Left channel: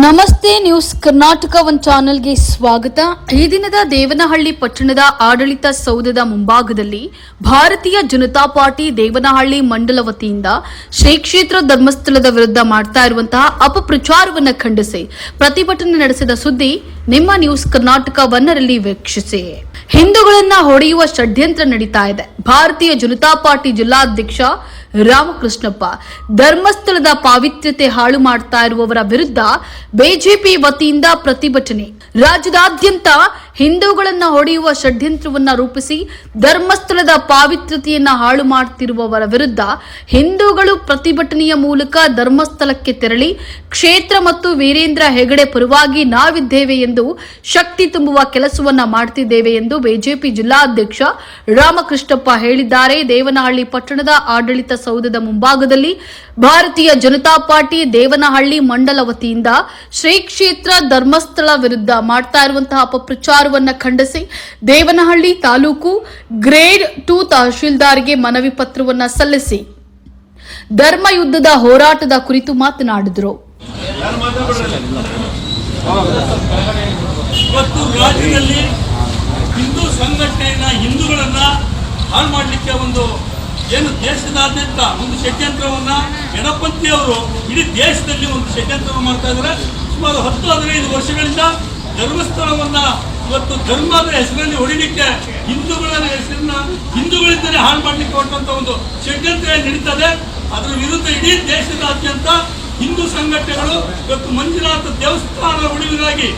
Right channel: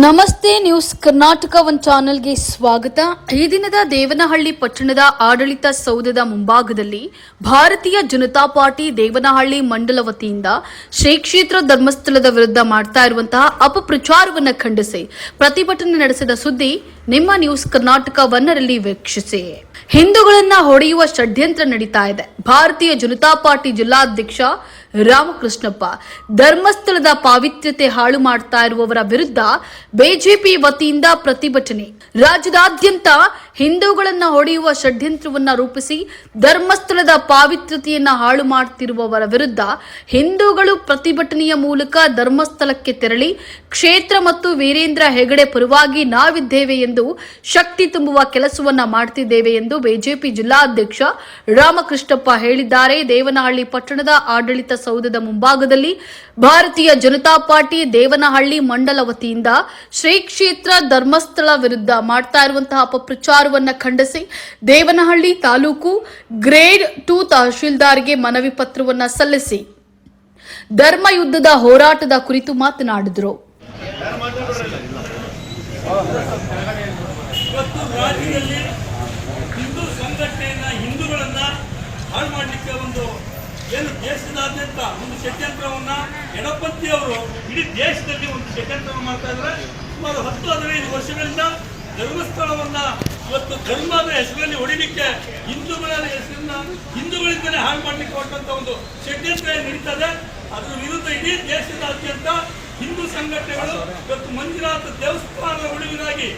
ನಮಸ್ತೆ news Karnataka one ಚಾನೆಲ್ಗೆ ಸ್ವಾಗತ. ಈ ದಿನದ ದೇವನಹಳ್ಳಿ ಪಟ್ಟಣದ ಆಡಳಿತ ಸೌಧದ ಮುಂಭಾಗದಲ್ಲಿ ಭಾರತೀಯ ಜನತಾ ಪಾರ್ಟಿ ದೇವನಹಳ್ಳಿ ಮಂಡಲ ವತಿಯಿಂದ ಶ್ರೀ ಕ್ಷೇತ್ರ ಧರ್ಮಸ್ಥಳದ ವಿರುದ್ಧ ಮಾಡ್ತಾ ಇರುವಂತಹ ಅಪಪ್ರಚಾರವನ್ನು ಖಂಡಿಸಿ ಪ್ರತಿಭಟನೆ ನಡೆಸಿದ ಸುದ್ದಿ ನಿಮ್ಮ ನ್ಯೂಸ್ ಕರ್ನಾಟಕ ಒನ್ನರಲ್ಲಿ ವೀಕ್ಷಿಸಿ. ಹಿಂದೂಗಳನ್ನ ಹೊಡೆಯುವ ಷಡ್ಯಂತ್ರ ನಡೀತಾ ಇದೆ. ಭಾರತೀಯ ಜನತಾ ಪಾರ್ಟಿ ಜಿಲ್ಲಾಧ್ಯಕ್ಷ ರಾಮಕೃಷ್ಣಪ್ಪ ಧರ್ಮಸ್ಥಳದ ಪಾವಿತ್ರ್ಯತೆ ಹಾಳು ಮಾಡ್ತಾ ಇರುವವರ ವಿರುದ್ಧ ಬಿಜೆಪಿ ವತಿಯಿಂದ ಪ್ರತಿಭಟನೆ. ರಾಜ್ಯದಾದ್ಯಂತ ಹಿಂದೂಗಳನ್ನ ಹೊಡೆಯುವ ಷಡ್ಯಂತ್ರವನ್ನ ರೂಪಿಸಿ ಧರ್ಮಸ್ಥಳದ ಪಾವಿತ್ರ್ಯತೆಯನ್ನ ಹಾಳು ಮಾಡುತ್ತಿರುವವರ ವಿರುದ್ಧ ಹಿಂದೂಗಳು ಪ್ರತಿಭಟನೆಯ ಮೂಲಕ ಧರ್ಮಸ್ಥಳಕ್ಕೆ ತೆರಳಿ ಕ್ಷೇತ್ರ ಮತ್ತು ವೀರೇಂದ್ರ ಹೆಗಡೆ ಪರವಾಗಿ ನಾವಿದ್ದೇವೆ ಎಂದು ಶಕ್ತಿ ತುಂಬುವ ಕೆಲಸವನ್ನ ಮಾಡುತ್ತಿದ್ದೇವೆ ಎಂದು ಬಿಜೆಪಿ ಜಿಲ್ಲಾಧ್ಯಕ್ಷ ರಾಮಕೃಷ್ಣಪ್ಪ ಹೇಳಿದ್ದಾರೆ. ದೇವನಹಳ್ಳಿ ಪಟ್ಟಣದ ಆಡಳಿತ ಸೌಧದ ಮುಂಭಾಗದಲ್ಲಿ ಭಾರತೀಯ ಜನತಾ ಪಾರ್ಟಿ ದೇವನಹಳ್ಳಿ ಮಂಡಲ ವತಿಯಿಂದ ಶ್ರೀ ಕ್ಷೇತ್ರ ಧರ್ಮಸ್ಥಳ ವಿರುದ್ಧ ಮಾಡ್ತಾ ಇರುವಂತಹ ಅಪಪ್ರಚಾರವನ್ನು ಖಂಡಿಸಿ ದೇವನಹಳ್ಳಿ ತಾಲೂಕು ಗ್ರೇಡ್ 2 ತಹಶೀಲ್ದಾರ್ಗೆ ಮನವಿ ಪತ್ರವನ್ನು ಸಲ್ಲಿಸಿ ಧರ್ಮ ಯುದ್ಧದ ಹೋರಾಟದ ಕುರಿತು ಮಾತನಾಡಿದರು. ರಾಜ್ಯದಲ್ಲಿ ಹಿಂದೂ ಸಂಘಟನೆಯನ್ನ ಹಿಂದೂಗಳನ್ನ ಹಾಳು ಮಾಡಲಿಕ್ಕೆ ಒಂದು ಏನು ದೇಶದಾದ್ಯಂತ ಒಂದು ಷಡ್ಯಂತ್ರವನ್ನ ಎಡಪಂಥಿಯವರು ಇಡೀ ದೇಶದಲ್ಲಿ ಒಂದು ಷಡ್ಯಂತ್ರವನ್ನು ಮಾಡ್ತಾ ಇದ್ದಾರೆ. ಸುಮಾರು 10-15 ವರ್ಷಗಳಿಂದ ಧರ್ಮಸ್ಥಳವನ್ನ ಇವತ್ತು ಧರ್ಮದ ಹೆಸರಲ್ಲಿ ಹೊಡಿಲಿಕ್ಕೆ ಹಿಂದೂಗಳ ಹೆಸರನ್ನ ಹಿಂದೂಗಳಿಂದಲೇ ಹಾಳು ಮಾಡಲಿಕ್ಕೆ ಹೊರಟಂತ ಒಂದು ಷಡ್ಯಂತ್ರ ನಡೀತದೆ. ಅದರ ವಿರುದ್ಧ ಇಡೀ ದೇಶದಾದ್ಯಂತ ಹಿಂದೂ ಸಂಘಟನೆಗಳು ಇವತ್ತು ಮಂಜುನಾಥ ದೇವಸ್ಥಾನದ ಉಳಿವಿಗಾಗಿ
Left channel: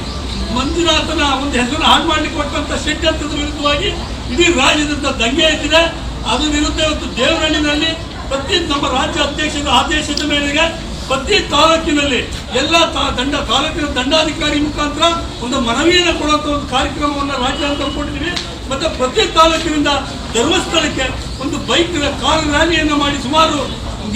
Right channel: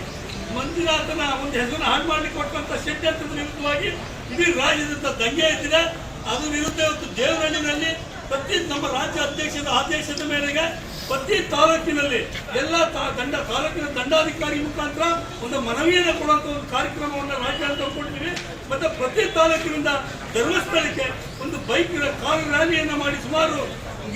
ಮಂಜುನಾಥನ ಒಂದು ಹೆಸರನ್ನು ಹಾಳು ಮಾಡಲಿಕ್ಕೆ ಹೊರಟಂತ ಷಡ್ಯಂತ್ರದ ವಿರುದ್ಧವಾಗಿ ಇಡೀ ರಾಜ್ಯದಿಂದ ದಂಗೆ ಎದ್ದಿದೆ. ಅದರ ವಿರುದ್ಧ ಇವತ್ತು ದೇವನಹಳ್ಳಿನಲ್ಲಿ ಪ್ರತಿ ನಮ್ಮ ರಾಜ್ಯ ಅಧ್ಯಕ್ಷರ ಆದೇಶದ ಮೇರೆಗೆ ಪ್ರತಿ ತಾಲೂಕಿನಲ್ಲಿ ಎಲ್ಲ ತಾಲೂಕಿನ ದಂಡಾಧಿಕಾರಿ ಮುಖಾಂತರ ಒಂದು ಮನವಿಯನ್ನು ಕೊಡುವಂಥ ಒಂದು ಕಾರ್ಯಕ್ರಮವನ್ನು ರಾಜ್ಯ ಅಂತ ಕೊಟ್ಟಿದ್ದೀವಿ. ಮತ್ತೆ ಪ್ರತಿ ತಾಲೂಕಿನಿಂದ ಧರ್ಮಸ್ಥಳಕ್ಕೆ ಒಂದು ಬೈಕ್ ಕಾರ್ ರ್ಯಾಲಿಯನ್ನು ಮಾಡಿ ಸುಮಾರು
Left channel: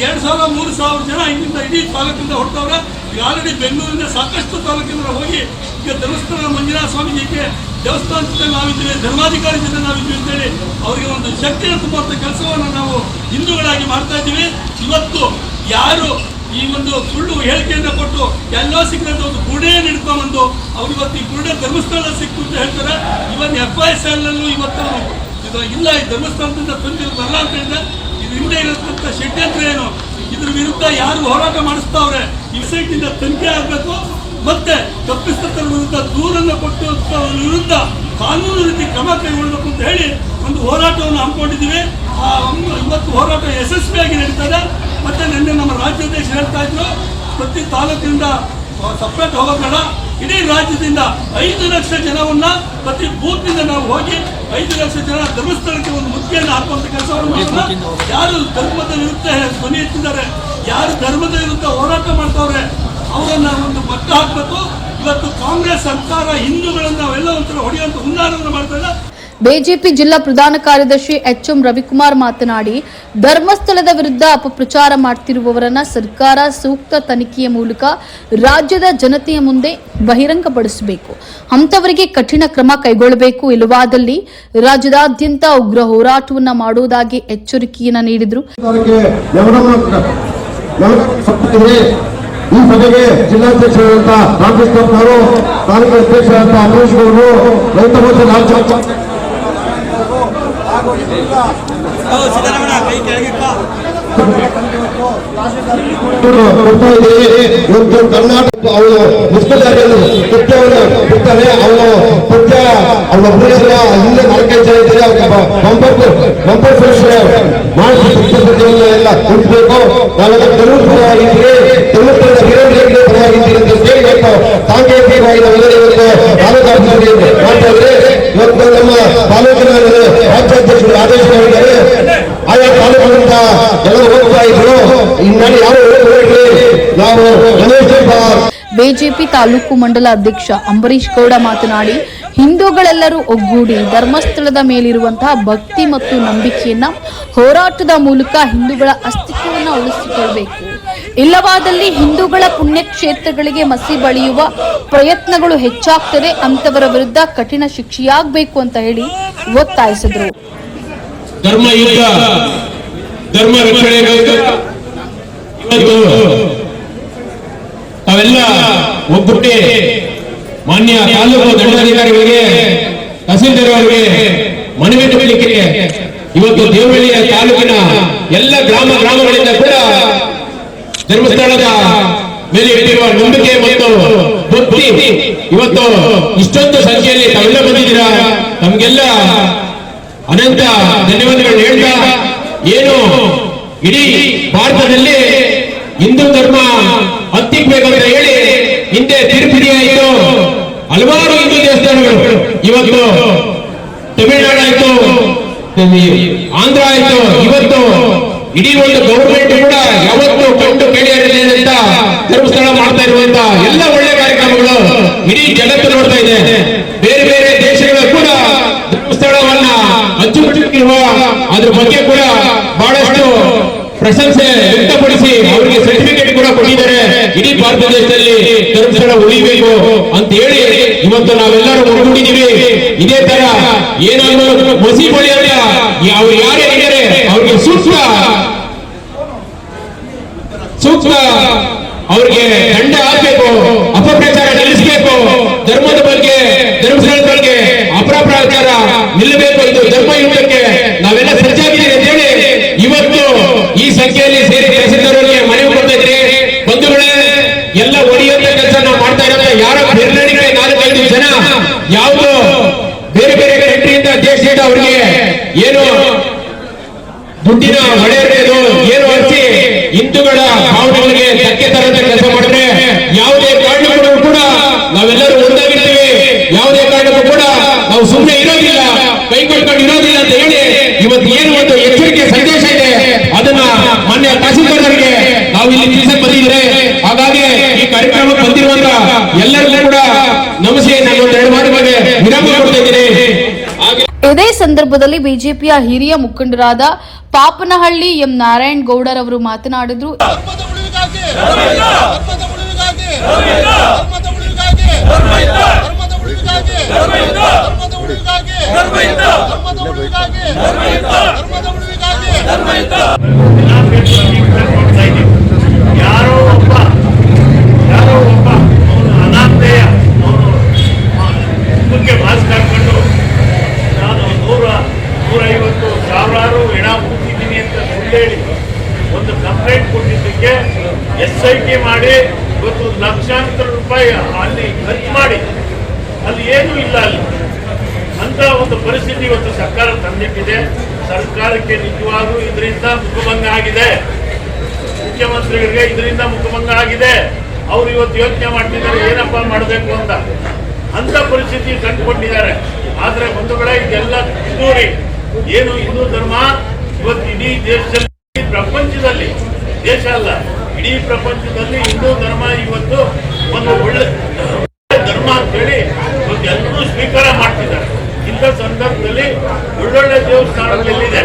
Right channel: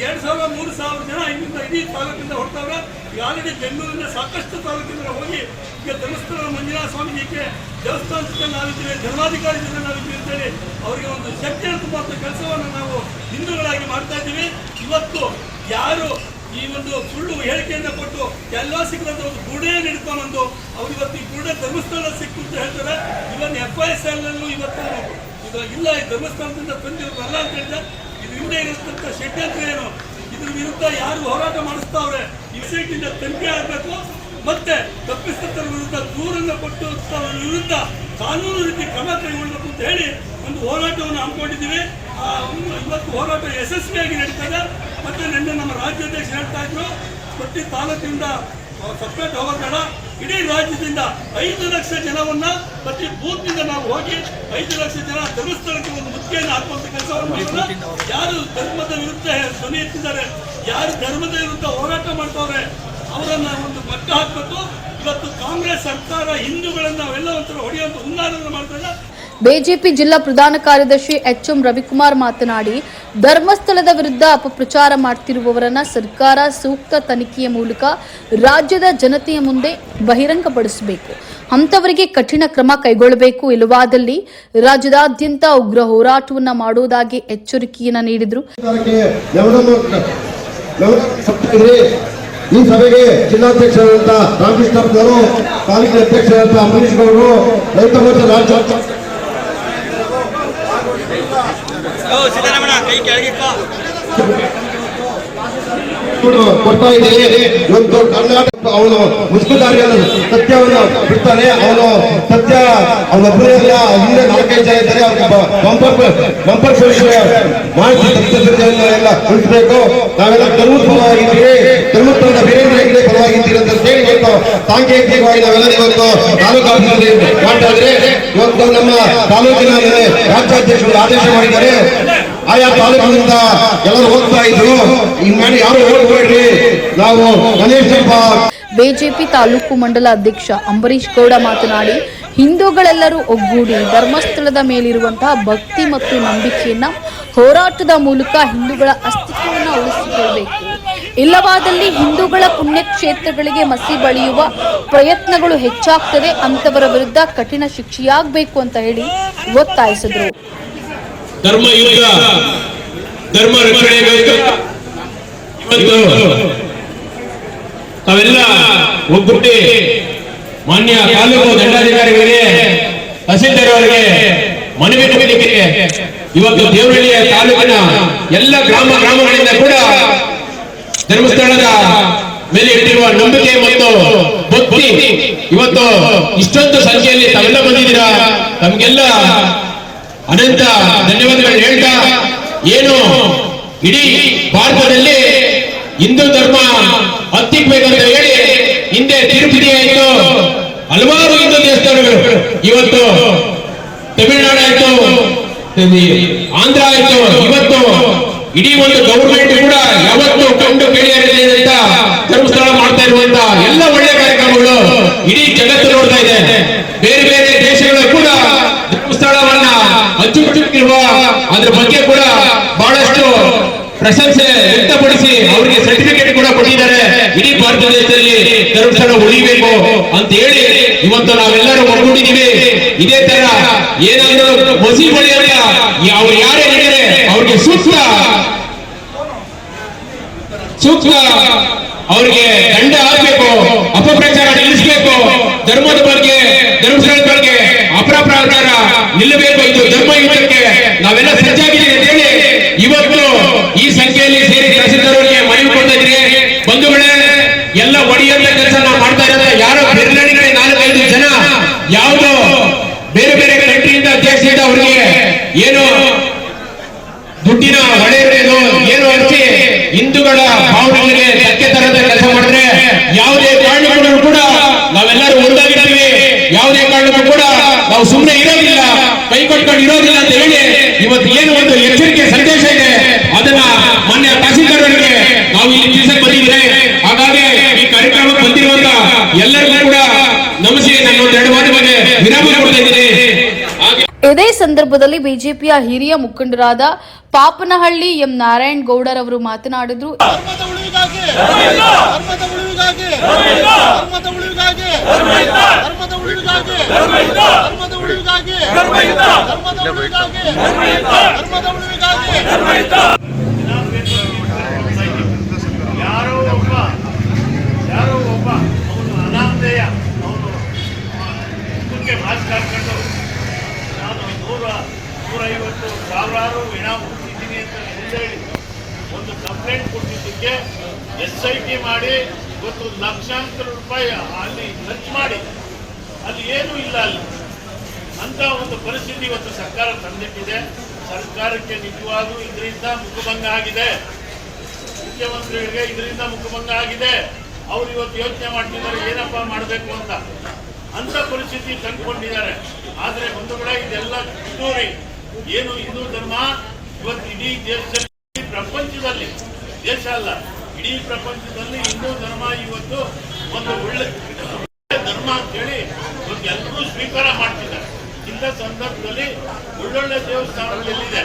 2,000-3,000 ಜನ ಇಲ್ಲಿಂದ ಇಡೀ ತಾಲೂಕಿಂದ ಹೊರಟವ್ರೆ. ಈಗ ಆಲ್ರೆಡಿ ಬೆಂಗಳೂರಿನ ಸಾಕಷ್ಟು ತಾಲೂಕಿಂದ ಹೋಗಿ ಈಗ ಧರ್ಮಸ್ಥಳ ಮಂಜುನಾಥ ಸ್ವಾಮೀಜಿಗೆ ದೇವಸ್ಥಾನದ ಜೊತೆ ನಾವಿದ್ದೀವಿ, ಧರ್ಮಾಧಿಕಾರಿ ಜೊತೆ ನಾವಿದ್ದೀವಿ ಅಂತೇಳಿ ಅವರಿಗೆ ಒಂದು ಶಕ್ತಿಯನ್ನು ತುಂಬುವಂಥ ಕೆಲಸವನ್ನು ನಾವು ಹಿಂದೂಗಳಾಗಿ ಮಾಡ್ತಾ ಇದ್ದೀವಿ. ಇವತ್ತು ಯಾರು ಈ ಒಂದು ಸುಳ್ಳು ಹೇಳಿಕೆಯನ್ನು ಕೊಟ್ಟು ಎಲ್ಲೋ ಸಿಕ್ಕಂತ ಒಂದು ಗುರುಡೆಯನ್ನು ಹಿಡ್ಕೊಂಡ್ಬಂದು ಅವ್ರು ಇವತ್ತು ಈ ಗುರುಡೆ ಧರ್ಮಸ್ಥಳ ಸಿಕ್ಕು ಅಂತ ಹೇಳ್ತಾರೆ. ಇವನ್ FISL ಇವತ್ತು ಇದು ಇಲ್ಲ, ಈ ಧರ್ಮಸ್ಥಳದಿಂದ ತಂದಿರೋದಲ್ಲ ಅಂತ ಹೇಳಿದ್ರೆ ಇದು ಹಿಂದೆ ಇರತಕ್ಕಂಥ ಷಡ್ಯಂತ್ರ ಏನು, ಇದ್ರ ವಿರುದ್ಧ ಯಾರು ಹೋರಾಟ ಮಾಡಿಸ್ತಾವ್ರೆ ಈ ಸೈಟ್ನಿಂದ ತನಿಖೆ ಆಗಬೇಕು. ಮತ್ತೆ ತಪ್ಪಿತರ ವಿರುದ್ಧ ದೂರನ್ನು ಕೊಟ್ಟು ವಿರುದ್ಧ ಕಾನೂನು ರೀತಿ ಕ್ರಮ ಕೈಗೊಳ್ಳಬೇಕು ಅಂತ ಹೇಳಿ ಒಂದು ಹೋರಾಟವನ್ನು ಹಮ್ಮಿಕೊಂಡಿದ್ದೀವಿ. ಇವತ್ತು ಹೋರಾಟ ಯಶಸ್ವಿಯಾಗಿ ನಡೀತದೆ. ಮತ್ತೆ ನಿನ್ನೆ ನಮ್ಮ ರಾಜ್ಯಾಧ್ಯಕ್ಷರು ಹೇಳ್ತಾ ಇದ್ರು, ಪ್ರತಿ ತಾಲೂಕಿನಿಂದ ಸಪ್ರೇಟ್ ಹೋಗೋಣ, ಇಡೀ ರಾಜ್ಯದಿಂದ 5 ಲಕ್ಷ ಜನವನ್ನ ಪ್ರತಿ ಬೂತ್ನಿಂದ ನಾವು ಹೋಗಿ 5 ಲಕ್ಷ ಜನ ಧರ್ಮಸ್ಥಳಕ್ಕೆ ಒಂದು ಮುತ್ತಿಗೆಯನ್ನು ಹಾಕುವಂತ ಕೆಲಸವನ್ನು ಮಾಡೋಣ. ಯಾರು ಧರ್ಮದ ವಿರುದ್ಧ ಧ್ವನಿ ಎತ್ತಿದ್ದಾರೆ, ಯಾರು ಧರ್ಮದ ವಿರುದ್ಧ ಹೋರಾಟ ಮಾಡ್ತಾವ್ರೆ ಅವರನ್ನ ಒಂದು ಮಟ್ಟ ಹಾಕಬೇಕು. ಇವತ್ತು ಕಾಂಗ್ರೆಸ್ ಸರ್ಕಾರ ಹಿಂದೂಗಳನ್ನ ಅವೆಲ್ಲ ಒಂಥರ ಹೊಡೆಯುವಂತ ಹುನ್ನಾರವನ್ನು ಮಾಡ್ತಾರೆ. ಬಿಜೆಪಿ ಜಿಲ್ಲಾ ಪ್ರಧಾನ ಕಾರ್ಯದರ್ಶಿ HM ರವಿಕುಮಾರ್ ಮಾತನಾಡಿ, ಧರ್ಮಸ್ಥಳದ ವಿರುದ್ಧ ಅಪಪ್ರಚಾರ ಮಾಡ್ತಿರುವವರನ್ನ ಸರ್ಕಾರ ಸೂಕ್ತ ತನಿಖೆಯ ಮೂಲಕ ರಾಜ್ಯದ ಜನತೆಯ ಮುಂದೆ ಬಹಿರಂಗಪಡಿಸಬೇಕು, ಅಂತವರಿಗೆ ಕಠಿಣ ಕ್ರಮ ಕೈಗೊಳ್ಳಬೇಕು, ಇಲ್ಲವಾದಲ್ಲಿ ರಾಜ್ಯದಾದ್ಯಂತ ಉಗ್ರ ಹೋರಾಟವನ್ನ ಮಾಡುವುದಾಗಿ ಎಚ್ಚರಿಕೆಯನ್ನ ನೀಡಿದರು. ಈ ಸಭೆಗೆ ಜಿಲ್ಲಾಧ್ಯಕ್ಷರಾದಂಥ ರಾಮಕೃಷ್ಣಪ್ಪ ಅವರು, ತಾಲೂಕು ಅಧ್ಯಕ್ಷರಾದಂಥ ಅಮರೇಶ್ ಅವರು, ರೈತ ಮೋರ್ಚಾ ರಾಜ್ಯ ಕೊಡ್ತಾ ಇದ್ದೀವಿ. ಇವತ್ತು ಕರ್ನಾಟಕ ಅವನು ಮುಸ್ಕುದಾರಿಯನ್ನು ಸತ್ಯವನ್ನು ಬಿಡ್ತಾನೆ. ಅವನು ಸತ್ಯ ಅವನೊಬ್ಬರೆಲ್ಲ ಹಿಂದೆ 4-5 ಜನ ಇದ್ದಾರೆ. ಬಂಪರ್ ಮಾಡಿಸಿ ಸತ್ಯವನ್ನು ಎಲ್ಲ ಉಳಿಸಬೇಕು. ನಾವೆಲ್ಲ ಧರ್ಮಸ್ಥಳವಾಗಿದ್ದೀವಿ, ಧರ್ಮಸ್ಥಳದ ವೀರೇಂದ್ರ ಹೆಗಡೆ ಪರವಾಗಿದ್ದೀರಿ ಅಂತ ಕೇಳಬೇಕು. ಸಾಂಕೇತಿಕವಾಗಿ ನಾವೆಲ್ಲ ಇವತ್ತು ತಾಲೂಕು ಆಫೀಸಲ್ಲಿ ಮಾಡ್ತಾ ಇದ್ರೆ ಇವತ್ತು ನಮ್ಮ ತಾಲೂಕಿನ ರಾಜ್ಯಾಧ್ಯಕ್ಷರು ಆದೇಶ ಮಾಡಿದ್ದಾರೆ. ಆಯಾ ತಾಲೂಕಿನಿಂದ ಎಲ್ಲರೂ ಹೋಗ್ತಾ ಇದ್ರು. ಹಿಂಗಾಗಿ ಯಾರು ಹೋಗ್ಬೇಡ್ರಿ, ನಾವು ಬಿಜೆಪಿ ತಾಲೂಕು ಮಂಡಲ ಅಧ್ಯಕ್ಷ ಅಂಬರೀಶ್ ಗೌಡ ಮಾತನಾಡಿ, ಹಿಂದೂಗಳೆಲ್ಲರೂ ಒಗ್ಗೂಡಿ ಧರ್ಮಸ್ಥಳದ ಮೇಲಿರುವಂತಹ ಭಕ್ತಿ ಮತ್ತು ನಂಬಿಕೆಯನ್ನ ಹೋರಾಟದ ಮೂಲಕ ಹಿಂದೂಗಳ ಅಸ್ತಿತ್ವವನ್ನು ಉಳಿಸಿಕೊಳ್ಳಬೇಕು, ಇಲ್ಲವಾದಲ್ಲಿ ಹಿಂದೂಗಳ ಪುಣ್ಯಕ್ಷೇತ್ರಗಳಿಗೆ ಮಸಿ ಬಳಿಯುವ ಪ್ರಯತ್ನಗಳು ಹೆಚ್ಚಾಗ್ತದೆ, ಅಂತವರ ವಿರುದ್ಧ ಕಠಿಣ ಶಿಕ್ಷೆಯಾಗಬೇಕು ಅಂತ ಹೇಳಿ ಒತ್ತಾಯಿಸಿದರು. ಧರ್ಮ ಯುದ್ಧ, ಧರ್ಮ ರಕ್ಷಣೆಗೋಸ್ಕರ ಇವತ್ತು ತಾವೆಲ್ಲ ಒಗ್ಗೂಡಿ ಮಾನ್ಯ ತಾಲೂಕು ದಂಡಾಧಿಕಾರಿಗಳಿಗೆ, ತಹಸೀಲ್ದಾರ್ ಅವರಿಗೆ ಮನವಿ ಮಾಡಲಿಕ್ಕೆ ಇವತ್ತು ದೇವನಹಳ್ಳಿಯ ತಾಲೂಕಿನ ಎಲ್ಲ ಗ್ರಾಮಗಳಿಂದ ಕೂಡ ಧರ್ಮಸ್ಥಳದ ಮೇಲೆ ಇಟ್ಟಿರುವ ನಂಬಿಕೆ ಮತ್ತು ಭಕ್ತಿ ಇವತ್ತು ಇಷ್ಟೊಂದು ಸಂಖ್ಯೆಯಲ್ಲಿ ತಾವೆಲ್ಲ ಬಂದಿದ್ದೀರಾ. ತಮಗೆಲ್ಲ ಅನಂತ ಧನ್ಯವಾದಗಳು ಹೇಳ್ತಾ, ಏನು ಇಡೀ ಭಾರತದಲ್ಲಿ ಹಿಂದೂ ಧರ್ಮ ಹತ್ತಿಕ್ಬೇಕಂತ ಹೇಳಿ ಹಿಂದೆ ತಿರುಪತಿ ಆಯಿತು, ಹಲವಾರು ಹಿಂದೂ ದೇವಸ್ಥಾನಗಳು, ಇವತ್ತು ತಮಿಳುನಾಡು ಆಯ್ತು, ಆಂಧ್ರ ಆಯ್ತು, ಇವತ್ತು ಇಡೀ ಒಂದು ಗವರ್ಮೆಂಟ್ ಕೂಡ ಯಾವತ್ತು ಕಂಡು ಕೇಳಿಯಂತ ಧರ್ಮಸ್ಥಳ ಮಾಡ್ತಾ ಇರುವಂತ ಎಲ್ಲ ಒಳ್ಳೆ ಕಾರ್ಯಕ್ರಮಗಳು ಇಡೀ ಜಗತ್ತು ನೋಡ್ತಾ ಇದೆ. ಬೇರೆ ಬೇರೆ ದೇಶಗಳು ಕೂಡ ಧರ್ಮಸ್ಥಳವನ್ನ ಅಚ್ಚುಕಟ್ಟಿರುವ ಅದ್ರ ಬಗ್ಗೆ ಕೂಡ ಬಹಳಷ್ಟು ಪ್ರಶಂಸೆ ವ್ಯಕ್ತಪಡಿಸಿ ಅವರಿಗೆ ಸರ್ಟಿಫಿಕೇಟ್ ಕೂಡ ಕೊಟ್ಟಿದ್ದಾರೆ. ಇಡೀ ಭಾರತ ದೇಶದಲ್ಲಿ ಧರ್ಮಸ್ಥಳ ಉಳಿಬೇಕು ಅಂತ ಹೇಳಿ ಇವತ್ತು ನಾವೆಲ್ಲರೂ ಒಗ್ಗೂಡಿದ್ದೀವಿ. ಇದೇ ತರ ಏನಾದ್ರು ಮಸಿ ಬಳಿ ಅಂತ ಅವ್ರು ಯಾರೇ ಇದ್ದಾರೆ ಅವ್ರಿಗೆ ಸೂಕ್ತ ಅವ್ರಿಗೆ ದಂಡ ಹಾಕಬೇಕು, ಅಪಪ್ರಚಾರ ನಿಲ್ಲಿಸಬೇಕು, ಧರ್ಮದ ಬಗ್ಗೆ ಧರ್ಮಸ್ಥಳದ ಬಗ್ಗೆ ಅಪಪ್ರಚಾರ ನಿಲ್ಲಬೇಕು. ಇದು ಧರ್ಮ ಯುದ್ಧಕ್ಕೆ ನಾವೆಲ್ಲ ಸಜ್ಜಾಗಿದ್ದೀವಿ ಅಂತ ಹೇಳಿ ಇವತ್ತು ಈ ಸಂಖ್ಯೆಯಲ್ಲಿ ಸೇರಿ ತಹಸೀಲ್ದಾರರಿಗೆ ಮನವಿ ಕೊಡ್ತಾ ಇದ್ರಿ. ಬಂಧುಗಳೇ, ಎಲ್ಲ ಒಡೆಯುವಂತ ಕೆಲಸ ನಾವು ಮಾಡ್ತಾ ಇರೋದು ಯಾರೋ ಬೆರಳಿಗೆ 4-5 ಜನ ಯಾವುದೋ ಬೇರೆ ಬೇರೆ ಕಂಟ್ರಿಯಿಂದ ದೇಶದಿಂದ ಅವ್ರಿಗೆ ಏನು ದುಡ್ಡಿನ ಹೊಡೆಯಬೇಕು ಏನು ಹಚ್ಚಿ ಹಿಂದೂಗಳ ಭಾವನೆಗಳಿಗೆ ಧಕ್ಕೆ ತರದ ಕೆಲಸ ಮಾಡಿದ್ರೆ ಯಾವುದೇ ಕಾರಣಗಳು ಕೂಡ ನಾವೆಲ್ಲರೂ ಒಂದಾಗಿರ್ತೀವಿ. ಯಾವುದೇ ಕಾರಣಕ್ಕೂ ಕೂಡ ನಾವು ಸುಮ್ಮನೆ ಇರೋದಿಲ್ಲ, ಕೈ ಕಟ್ಕೊಂಡು ಇರೋದಿಲ್ಲ ಅಂತ ಹೇಳಿ ಇವತ್ತು ಏನು ಒಂದು ಎಚ್ಚರಿಕೆ ಸಂದೇಶ ಇದೆ ಅದನ್ನ ಮಾನ್ಯ ತಹಸೀಲ್ದಾರ್ ಅವರಿಗೆ ನಾವು ಇಲ್ಲಿ ತಿಳಿಸಕ್ಕೆ ಬಂದಿದ್ದೇವೆ. ಹಾಗಾಗಿ ಈ ಕಾರ್ಯಕ್ರಮಕ್ಕೆ ಬಂದಿರುವಂತ ಎಲ್ಲರಿಗೂ ಕೂಡ ನಮಸ್ತೆ. ನಾನು ಒಂದೆರಡು ಮಾತು ಬಗ್ಗೆ ವಿರಾಮ ಕೊಡ್ತಾ ಇದ್ದೀನಿ. ಇದೇ ಸಂದರ್ಭದಲ್ಲಿ ಬಿಜೆಪಿಯ ಹಿರಿಯ ಮುಖಂಡರಾದ ಪಾಪನಹಳ್ಳಿ ಎಂ ನಾರಾಯಣ್ ಗೌಡರವರು ಮಾತನಾಡಿದ್ರು. ಯಾರೋ ಒಬ್ಬ ಅವನು ಅನಾಮಧೇಯ ಅವನು ಮುಖ್ಯ ಮಾಸ್ಕ್ ಹಾಕೊಂಡು ನಾನು 100-150 ಸಾವಿರಾರು ಹೆಣ ಮುಗಿದ್ದೀನಿ ಅಂತ ಸುಳ್ಳು ಹೇಳಿ ಒಂದು ಕಂಪ್ಲೇಂಟ್ ಕೊಟ್ಟಿದ್ದಕ್ಕೆ SIT ಮಾಡಿ ಇವತ್ತು ಲಕ್ಷಾಂತರ ರೂಪಾಯಿ ಅಲ್ಲಿ ಖರ್ಚು ಮಾಡಿ ಅಲ್ಲಿ ಏನೂ ಇಲ್ಲ ಅಲ್ಲಿ ಅಂತ ಒಂದು ಪರಿಸ್ಥಿತಿ ಇವತ್ತು ಸರ್ಕಾರ ತಂದಿಟ್ಟಿದೆ. ಸರ್ಕಾರಕ್ಕೆ ನಿಜವಾಗ್ಲೂ ಇದರಿಂದ ಮುಖಭಂಗ ಆಗಿದೆ, ಮುಖ್ಯಮಂತ್ರಿಗಳಿಗೆ ಇದರಿಂದ ಮುಖಭಂಗ ಆಗಿದೆ. ಅವರು ಇವತ್ತು ಯೋಚನೆ ಮಾಡ್ತಿದ್ದಾರೆ ಏನಪ್ಪಾ ಮಾಡಬೇಕು ಅಂತ ಪರಿಸ್ಥಿತಿ ಕಂಡುಕೊಂಡಿದ್ದಾರೆ. ಆದ್ರೆ ಬಂಧುಗಳೇ, ಇದೆಲ್ಲ ಕಿತ್ತೂರಿ ಏನು ಹಿಂದೂ ಧರ್ಮ ಇವತ್ತು ಇಡೀ ದೇಶದಲ್ಲಿ, ಪ್ರಪಂಚದಲ್ಲಿ, ದೇಶ ಅಲ್ಲ ಇಡೀ ಪ್ರಪಂಚದಲ್ಲಿ ಹಿಂದೂ ಧರ್ಮ ಇವತ್ತು ಒಂದು ಒಳ್ಳೆ ಧರ್ಮ ಅಂತ ಹೇಳಿ ಇವತ್ತು ಎಲ್ಲರೂ ಸ್ವೀಕಾರ ಮಾಡ್ತಿದ್ದಾರೆ. ಇಂಥ ಸಂದರ್ಭದಲ್ಲಿ ಒಳ್ಳೊಳ್ಳೆ ದೇವಸ್ಥಾನಗಳೆಲ್ಲಿದೆ,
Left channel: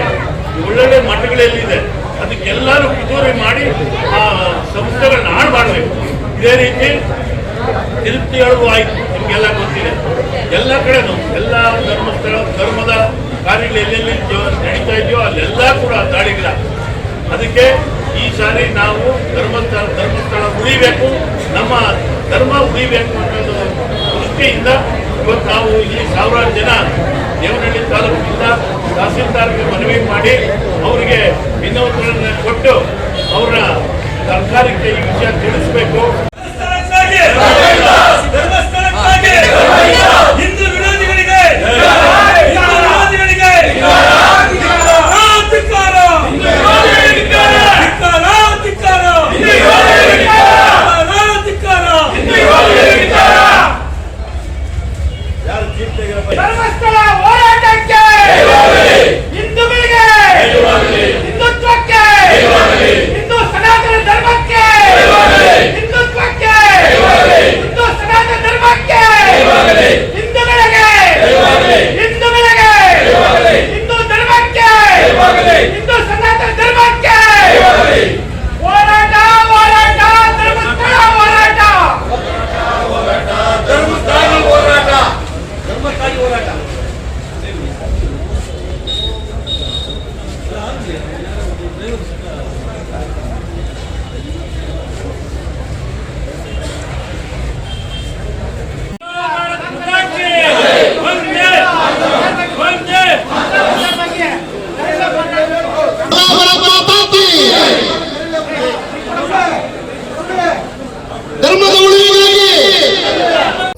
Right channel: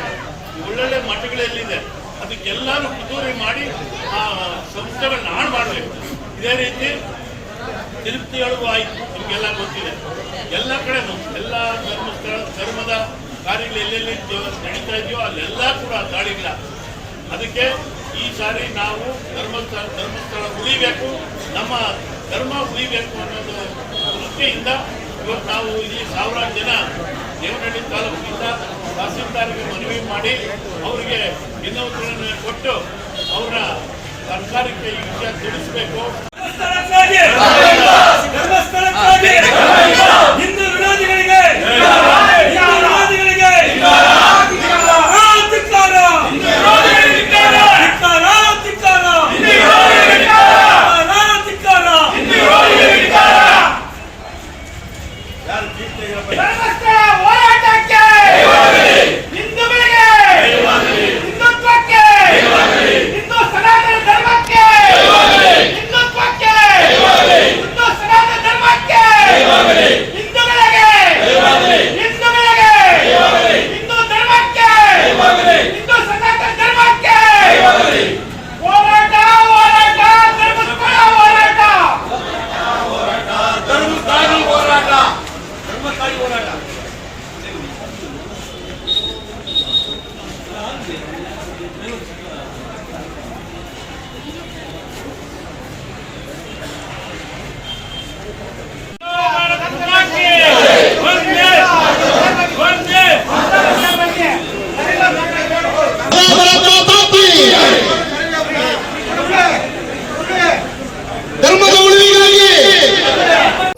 ಒಳ್ಳೊಳ್ಳೆ ಮಠಗಳೆಲ್ಲಿದೆ, ಅದಕ್ಕೆಲ್ಲರೂ ಕಿತ್ತೂರಿ ಮಾಡಿ ಆ ಸಂಸ್ಥೆಗಳನ್ನ ಹಾಳು ಮಾಡಬೇಕು. ಇದೇ ರೀತಿ ತಿರುಪ್ತಿಗಳಿಗೂ ಆಯ್ತು, ನಿಮ್ಗೆಲ್ಲ ಗೊತ್ತಿದೆ. ಎಲ್ಲ ಕಡೆನೂ ಎಲ್ಲ ಧರ್ಮದ ಕಾರ್ಯಗಳು ಎಲ್ಲೆಲ್ಲಿ ನಡೀತಾ ಇದೆಯೋ ಅಲ್ಲೆಲ್ಲ ಕೂಡ ದಾಳಿಗಳ. ಅದಕ್ಕೆ ಈ ಸಾರಿ ನಾವು ಧರ್ಮಸ್ಥಳ ಉಳಿಬೇಕು, ನಮ್ಮ ಧರ್ಮ ಉಳಿಬೇಕು ಅನ್ನೋದು ದೃಷ್ಟಿಯಿಂದ ಇವತ್ತು ನಾವು ಇಲ್ಲಿ ಸಾವಿರಾರು ಜನ ದೇವನಹಳ್ಳಿ ತಾಲೂಕಿನಿಂದ ತಹಸೀಲ್ದಾರ್ಗೆ ಮನವಿ ಮಾಡಿ ಅವರಿಗೆ ವಿನೋದಗಳನ್ನು ಕೊಟ್ಟು ಅವರ ಸರ್ಕಾರಕ್ಕೆ ಈ ವಿಷಯ ತಿಳಿಸಬೇಕು. ಹಿಂದೂ ವಿರೋಧಿಗಳಿಗೆ ಧರ್ಮಸ್ಥಳ ಹೋರಾಟಕ್ಕೆ, ಹಿಂದೂಗಳಿಗೆ, ಹಿಂದುತ್ವಕ್ಕೆ, ಹಿಂದೂ ಸನಾತನ ಧರ್ಮಕ್ಕೆ, ಹಿಂದುತ್ವಕ್ಕೆ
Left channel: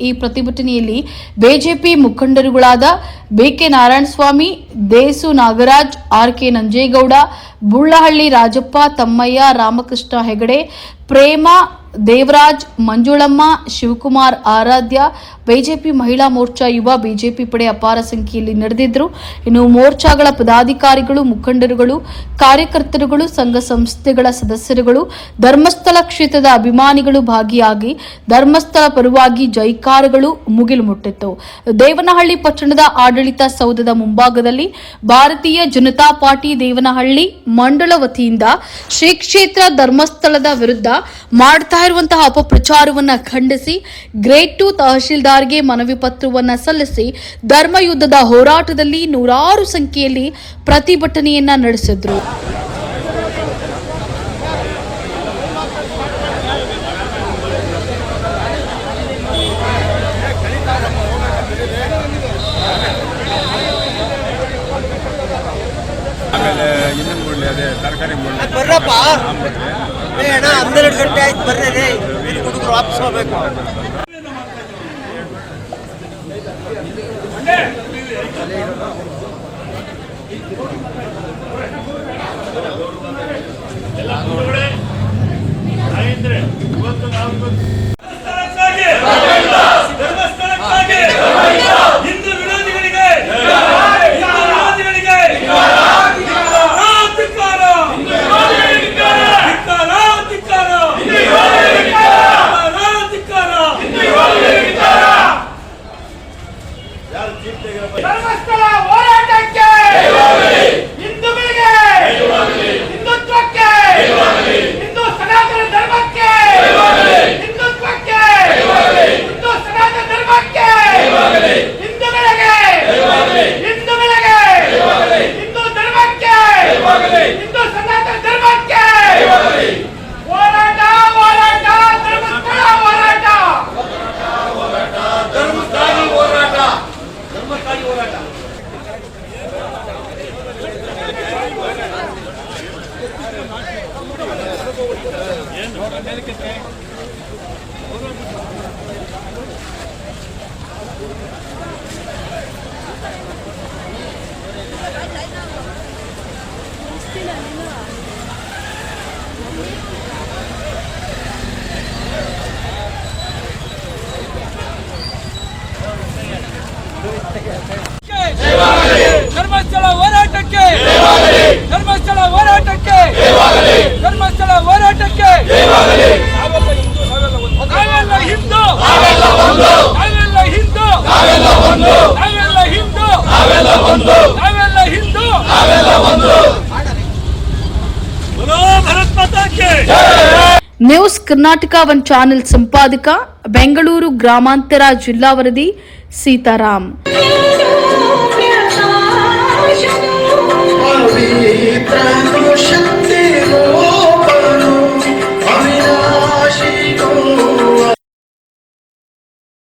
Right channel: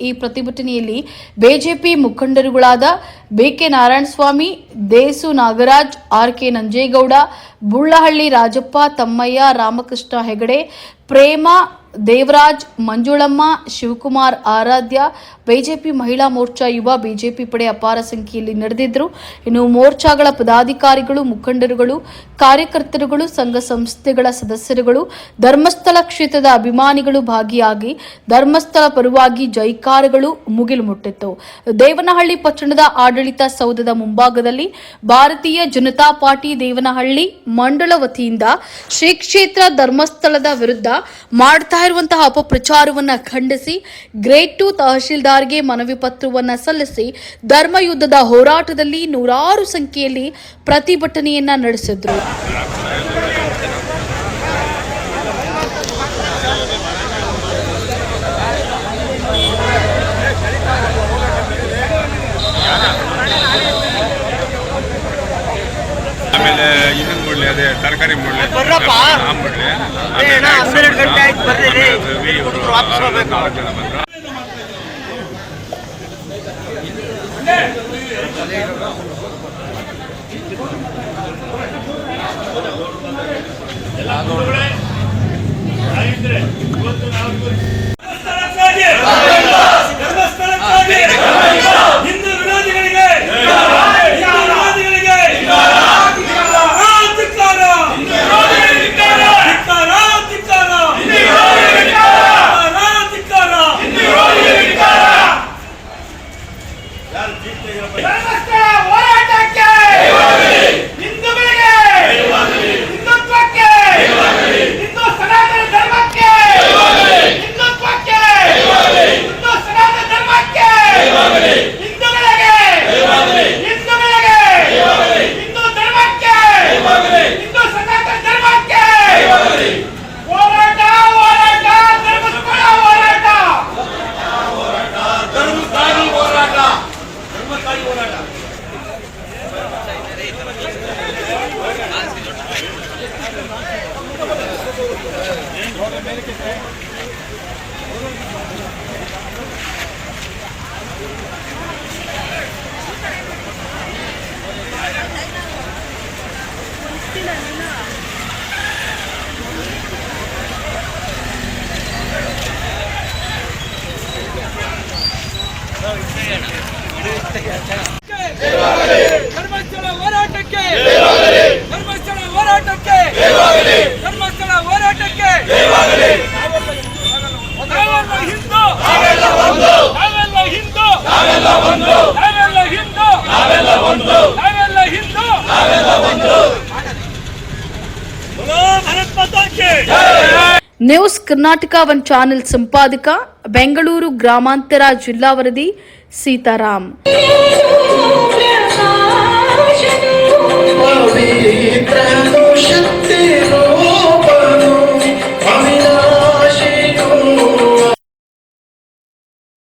ಈ ಪ್ರತಿಭಟನೆಯಲ್ಲಿ ಬಿಜೆಪಿ ಮುಖಂಡರುಗಳಾದ BK Narayanaswamy, Desu Nagaraj, RK. Nanjegowda, Bullahalli Rajappa, Thammaiah, Ramakrishna Hegde, Prema, Devaraj, Manjulamma, Shivakumar, Aradhya, BJP Mahila Morcha, ಯುವ ಬಿಜೆಪಿ ಪಡೆ ಅಪಾರ ಸಂಖ್ಯೆಯಲ್ಲಿ ನಡೆದಿದ್ದರು. ಇನ್ನು ಮೋರ್ಚಾಗಳ ಪದಾಧಿಕಾರಿಗಳು, ಮುಖಂಡರುಗಳು, ಕಾರ್ಯಕರ್ತರುಗಳು, ಸಂಘ ಸಂಸ್ಥೆಗಳ ಸದಸ್ಯರುಗಳು, ಧರ್ಮಸ್ಥಳ ಕ್ಷೇತ್ರದ ಅಭಿಮಾನಿಗಳು ಭಾಗಿಯಾಗಿ ಧರ್ಮಸ್ಥಳ ಪರವಾಗಿ ಜೈಕಾರಗಳು ಮುಗಿಲು ಮುಟ್ಟಿತ್ತು. ದೇವನಹಳ್ಳಿ ಪಟ್ಟಣದ ಆಡಳಿತ ಸೌಧದ ಮುಂಭಾಗದಲ್ಲಿ ಭಾರತೀಯ ಜನತಾ ಪಾರ್ಟಿ ದೇವನಹಳ್ಳಿ ಮಂಡಳ ವತಿಯಿಂದ ಶ್ರೀ ಕ್ಷೇತ್ರ ಧರ್ಮಸ್ಥಳದ ವಿರುದ್ಧ ಮಾಡ್ತಾ ಇರುವಂತಹ ಅಪಪ್ರಚಾರವನ್ನ ಖಂಡಿಸಿ ಗ್ರೇಡ್ 2 ತಹಶೀಲ್ದಾರ್ಗೆ ಮನವಿ ಪತ್ರವನ್ನ ಸಲ್ಲಿಸಿ ಧರ್ಮಯುದ್ಧದ ಹೋರಾಟದಲ್ಲಿ ನೂರಾರು ಸಂಖ್ಯೆಯಲ್ಲಿ ಪ್ರತಿಭಟನೆಯನ್ನ ನಡೆಸಿದ್ರು. ಆಮೇಲೆ ಇನ್ನೊಂದು ಮುಳ್ಳಿ ಅದೇ ತರಕಾರಿ ಮುಳ್ಳಿ ಆ ಮುಳ್ಳಿ ಧರ್ಮಸ್ಥಳಕ್ಕಾಗಿ ಹಿಂದೂ ವಿರೋಧಿಗಳಿಗೆ ಧರ್ಮಸ್ಥಳ ಹೋರಾಟಕ್ಕೆ ಹಿಂದೂಗಳಿಗೆ ಹಿಂದುತ್ವಕ್ಕೆ ಹಿಂದೂ ಸನಾತನ ಧರ್ಮಕ್ಕೆ ಹಿಂದುತ್ವಕ್ಕೆ ಹಿಂದೂ ಸನಾತನ ಧರ್ಮಕ್ಕೆ ಹಿಂದೂಗಳಿಗೆ ಹಿಂದೂಗಳಿಗೆ ಹಿಂದೂ ಧರ್ಮಕ್ಕೆ ಹಿಂದೂ ಸನಾತನ ಧರ್ಮಕ್ಕೆ ಹೋರಾಟ ಹೋರಾಟ ಧರ್ಮಸ್ಥಳ ಹೋರಾಟ ಧರ್ಮಸ್ಥಾಯಿ ಹೋರಾಟ ಧರ್ಮಸ್ಥಾಯಿ ಹೋರಾಟ ಧರ್ಮಸ್ಥಳ ಹೋರಾಟಕ್ಕೆ ಧರ್ಮಸ್ಥಳ ಹೋರಾಟಕ್ಕೆ ಧರ್ಮಸ್ಥಳ ಹೋರಾಟಕ್ಕೆ ನಾವೆಲ್ಲ ಹಿಂದೂ ನಾವೆಲ್ಲ ಹಿಂದೂ ನಾವೆಲ್ಲ ಹಿಂದೂ ನಾವೆಲ್ಲ ಹಿಂದೂ ಭಾರತ್ ಮಾತಾ ಕಿ ನ್ಯೂಸ್ ಕರ್ನಾಟಕ ಒನ್ ಚಾನೆಲ್ ಸಂಪಾದಕ, ಬೆಂಗಳೂರು ಗ್ರಾಮಾಂತರ ಜಿಲ್ಲಾ ವರದಿ ಸೀತಾರಾಮ್. ಪವಿತ್ರ